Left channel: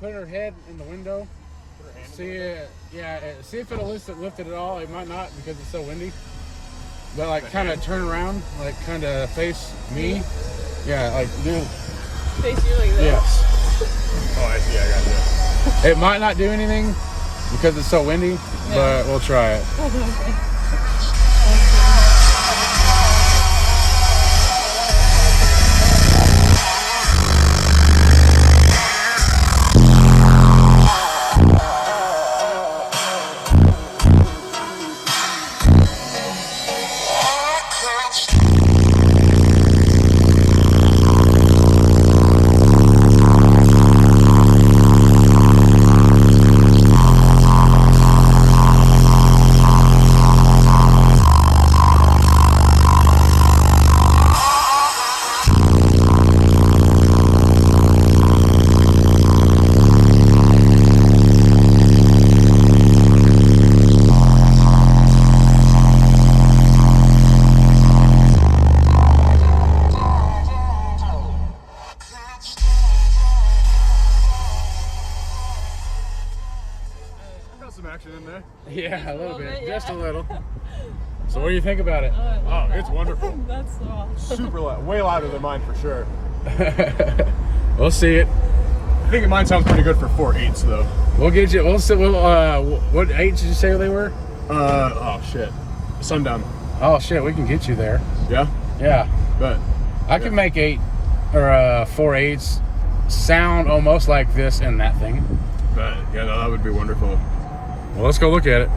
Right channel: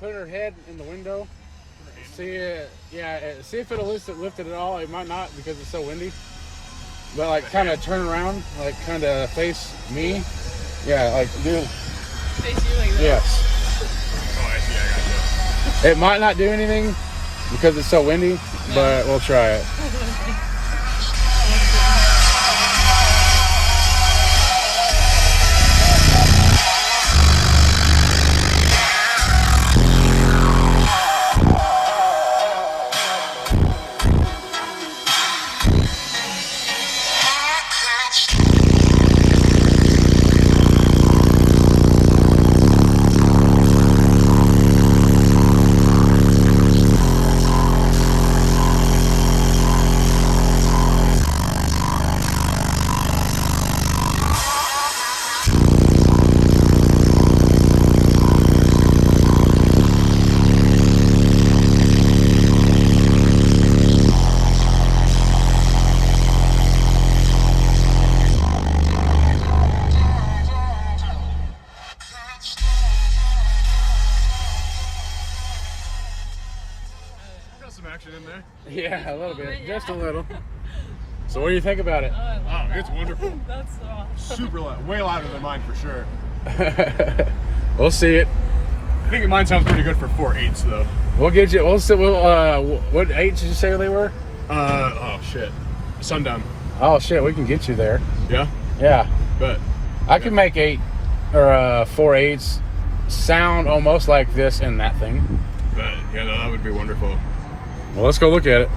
put her head in the window. See, see if it'll lift it at all. It might not because it's so windy. But like, kind of turn around, like kind of face me. Yeah, like do. Face you like that. Yes. Oh, I see. I got you. It might not do anything because it's so windy, but we'll try it. Some action in there. Yeah, a little bit, just a little. So what do you think about it? Oh, it's wonderful. That's so awesome. Super loud, way louder than mine for sure. We'll see it. I think mine sounds pretty good for 4/8 though. We'll get you. What 8 did you say they were? Oh shit, sundown. Oh shit, we can get you there. Yeah. Yeah, But I can make 8 or 4/8 sound almost like this and that thing. yeah, no, that would be wonderful. Well, let's go look at it.